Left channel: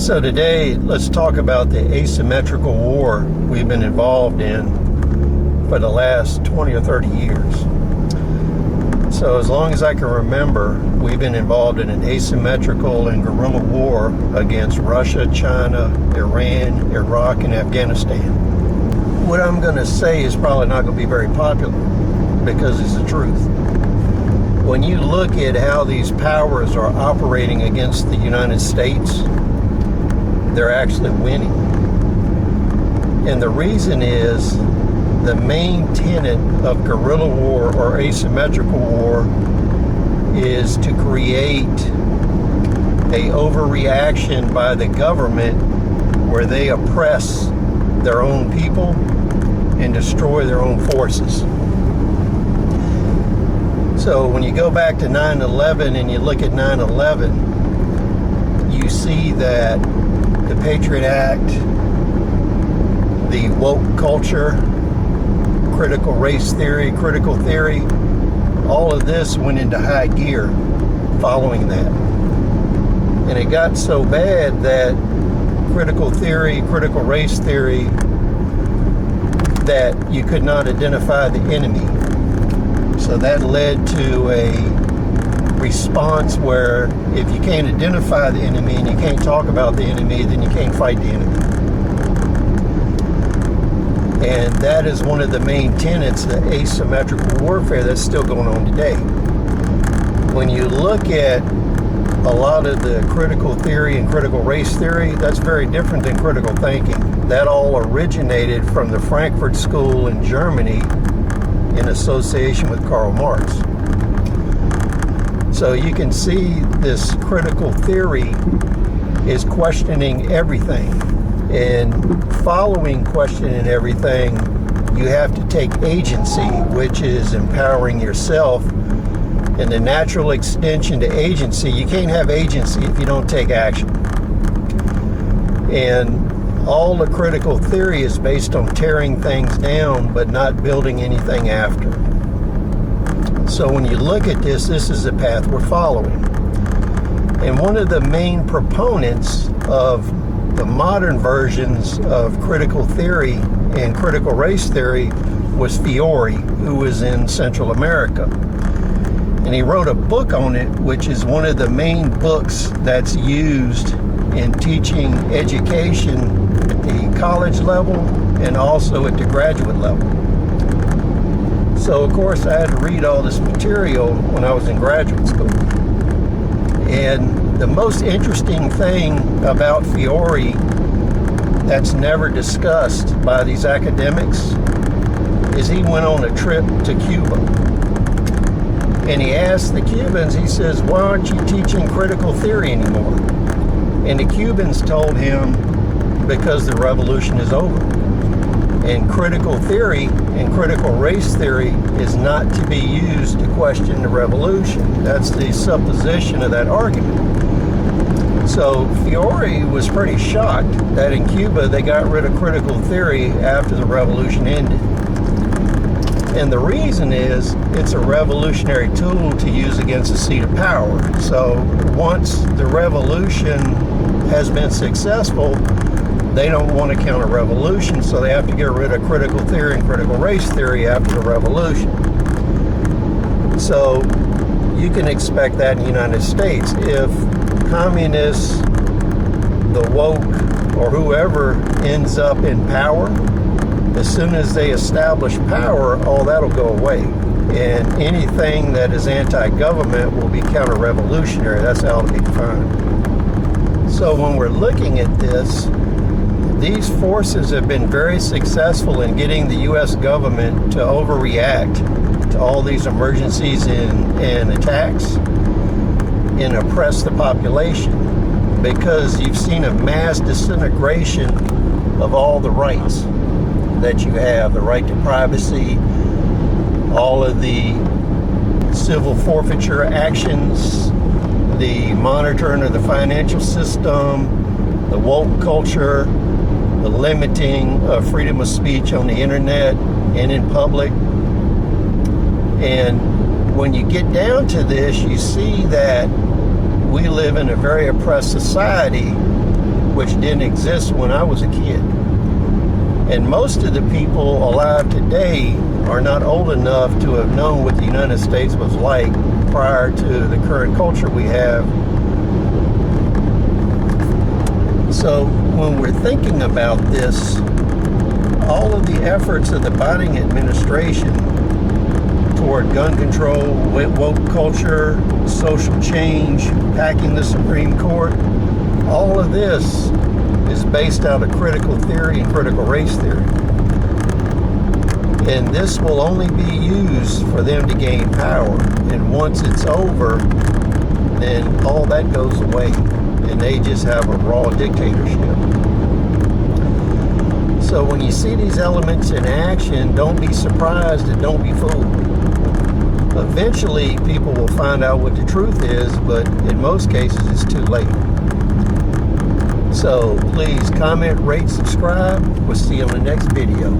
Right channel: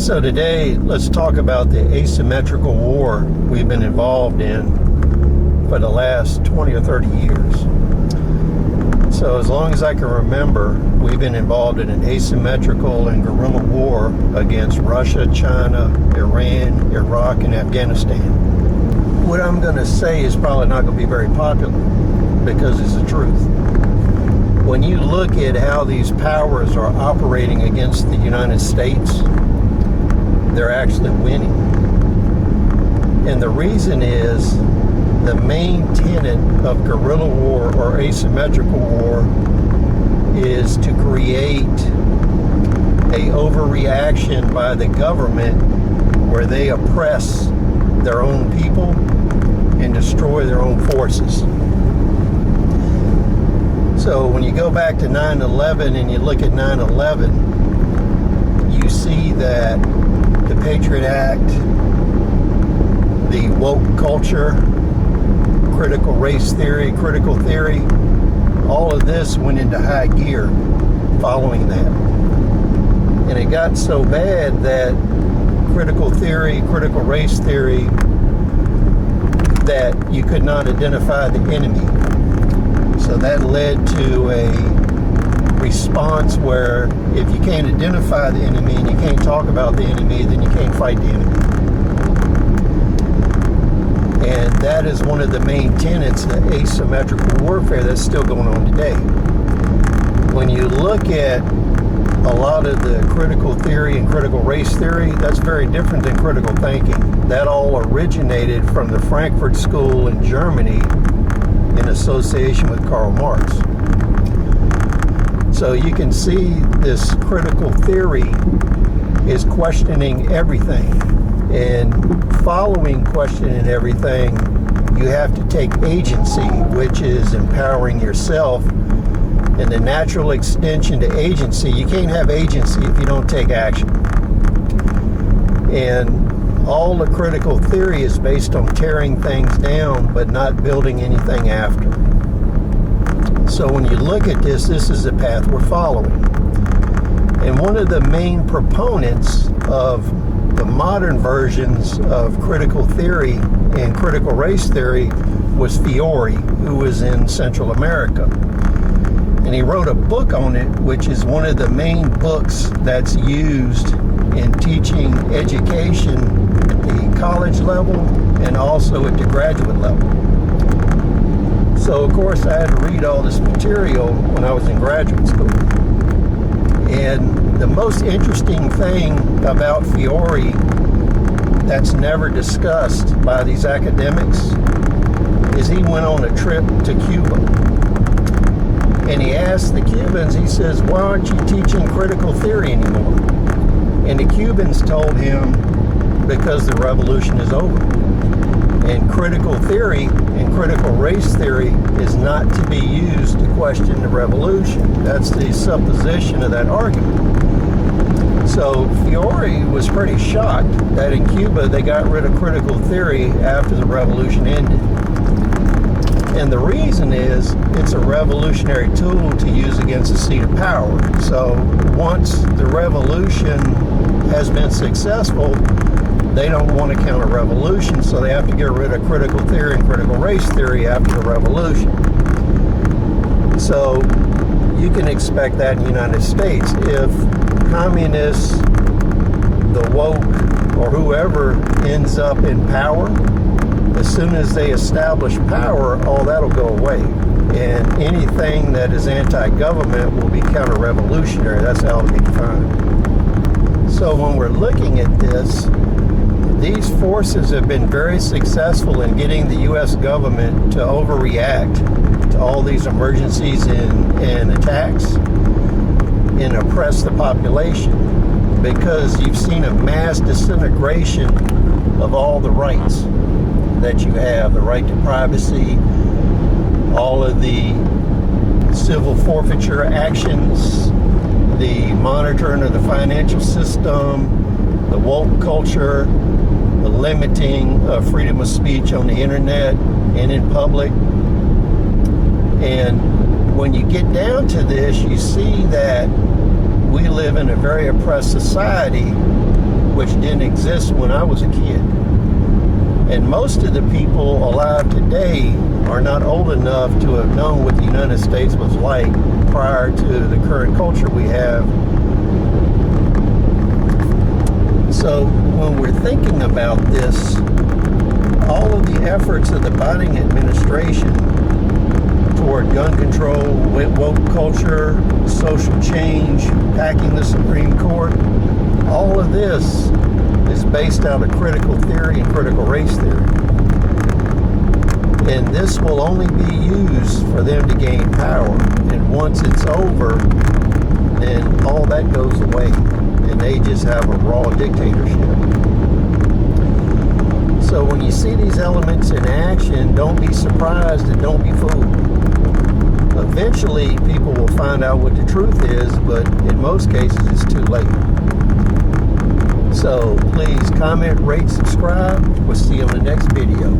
So today, let's talk about the asymmetrical war we've been involved in for the last 20 or 30 years. So as long as I can remember, we've been involved in an asymmetrical and guerrilla war against Russia, China, Iran, Iraq, and Afghanistan. What I'm going to say is probably not going to be very popular because it's the truth. When you look at how these powers are operating against the United States, they're actually winning. And the reason is the main tenet of guerrilla war or asymmetrical war is to create a overreaction by the government where they oppress their own people and destroy their own forces. So when you go back to 9/11 and you look at 9/11, you see that the Patriot Act, the woke culture, critical race theory, critical theory, all of this went into high gear following that. And it got so bad that critical theory, critical race theory, that you could not identify the enemy. So that led to a response where if you can't identify the enemy and you can't talk about the enemy, then you can't fight the enemy. And that is one of the main tenets of asymmetrical warfare that's still going on today. When you look at a lot of the critical theory and critical race theory, that's very different than critical thinking. That all originated from the Frankfurt School in Germany in association with Karl Marx. So you can see this critical theory is questioning everything. And following questioning everything, you have to take agency, which is empowering yourself. And the natural extension to agency, you can't have agency if you don't take action. And all the critical theory is based on tearing things down, but not building anything after. So when you look at this is the path we're following. And one of the main proponents of the modern versions of critical theory and critical race theory was Fiore, who was in Central America. And he wrote a book on it, which is one of the main books that's used in teaching education at the college level and also at the graduate level. So of course I had to read all this material when I was in graduate school. And the most interesting thing about Fiore that's never discussed by these academics is he went on a trip to Cuba. And he asked the Cubans, he says, why aren't you teaching critical theory anymore? And the Cubans told him, because the revolution is over. And critical theory and critical race theory is not to be used to question the revolution. That's the supposition of that argument. So Fiore was pretty shocked that in Cuba they got rid of critical theory after the revolution ended. And the reason is it's a revolutionary tool to use against a seat of power. So once the revolution has been successful, they don't want to counter revolution, so they have to get rid of critical theory and critical race theory after the revolution. So you can expect that in the United States. If communists, the woke, or whoever ends up in power, as soon as they establish power, all that'll go away. And anything that is anti-government will be counter-revolutionary. That's how it'll be defined. So when we're looking at this, these forces have been very successful in getting the U.S. government to overreact to all these emergencies and attacks and oppress the population, because you've seen a mass disintegration of all the rights that you have, the right to privacy, all of the civil forfeiture actions, the monitoring of the financial system, the woke culture, the limiting of freedom of speech on the internet and in public. And when you get down to this, you see that we live in a very oppressed society, which didn't exist when I was a kid. And most of the people alive today are not old enough to have known what the United States was like prior to the current culture we have. So when we're thinking about this, all of the efforts of the Biden administration toward gun control, woke culture, social change, packing the Supreme Court, all of this is based out of critical theory and critical race theory. And this will only be used for them to gain power. And once it's over, then all that goes away. And they just have a raw dictatorship. So when you see these elements in action, don't be surprised and don't be fooled. Eventually, people will find out what the truth is, but in most cases, it's too late. So please comment, rate, subscribe. We'll see you on the next video.